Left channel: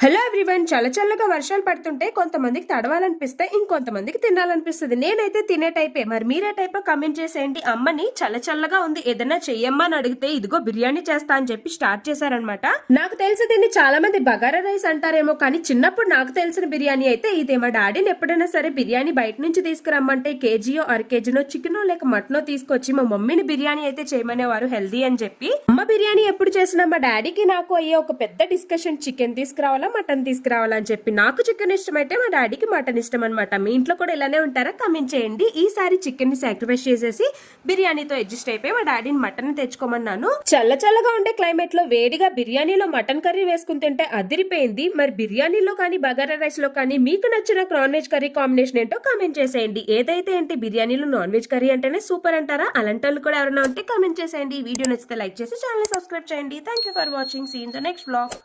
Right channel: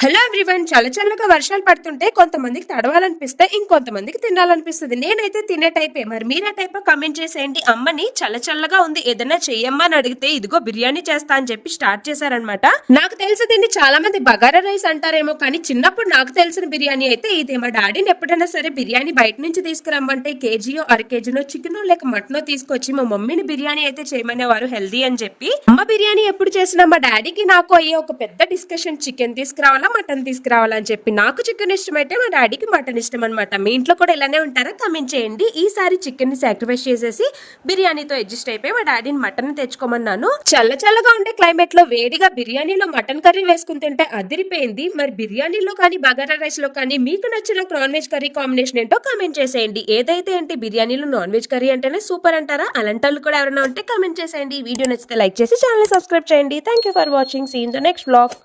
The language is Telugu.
హలో ఎవ్రీవన్, చల్లగా వర్షాలు పడుతుంటే కొంతమందికి తడవాలనిపిస్తే ఇంకొంతమందికి తినాలనిపిస్తుంది. నేనైతే తినే టైపే. మరి మీరే టైపో కమెంట్ చేసేయండి. అమ్మని చల్లగా ఉంది ఏదైనా చెయ్యమ్మా అని అడిగితే ఇదిగో బిర్యానీ చేస్తా అని చెప్పి స్టార్ట్ చేశారనమాట. నాకు తెలిసి దీన్ని చాలా మంది బగారా రైస్ అంటారేమో, కానీ చిన్నప్పుడు నాకు తెలిసిన బిర్యానీ అయితే ఇదే. మా డాడీని ఎప్పుడైనా సరే బిర్యానీ బయట నుంచి తీసుకురమ్మంటే కేజీయో అర కేజీనో చికెనో లేక మటనో తీసుకొచ్చి మా మమ్మీని బిర్యానీ అయితే చేయమనేవారు, హెల్దీ అని చెప్పి. అమ్మ బిర్యానీ ఎప్పుడు చేసినా మా డాడీకి నాకు అయ్యే ఒక పెద్ద డిస్కషన్, చికెన్ తీసుకురావాలా మటన్ తీసుకురావాలని చెప్పి. నాకు చికెన్ ఇష్టం అయితే మా డాడీకి మటన్ ఇష్టం అనమాట. మీ ఇంట్లో కూడా ఇలానే ఉంటారా? కమెంట్ చేయండి. ఈసారి చికెన్ ని సాక్రిఫైస్ చేసేసి బిర్యానీతో అడ్జస్ట్ అయిపోయి మా డాడీని మటన్ తెచ్చుకోమన్నాను. చల్లగా ఉండే క్లైమేట్ లో వేడిగా బిర్యానీలో మటన్ కర్రీ వేసుకుని తింటే అదిరిపోయింది. మరి బిర్యానీలో కానీ బగారా రైస్ లో కానీ మీకు నచ్చిన నాన్ వెజ్ కర్రీ కాంబినేషన్ ఏంటో కమెంట్ చేసేయండి. ఏదైతే ఏంటి, బిర్యానీలో నాన్ వెజ్ కర్రీ అంటేనే సూపర్ అంటారా? అలాంటి వాళ్ళు కూడా ఎవరైనా ఉంటే కమెంట్ చేసేయండి. వీడియో నచ్చితే లైక్ చేసి ఛానల్ సబ్స్క్రైబ్ చేయండి. Thank you for watching. See in the next vlog.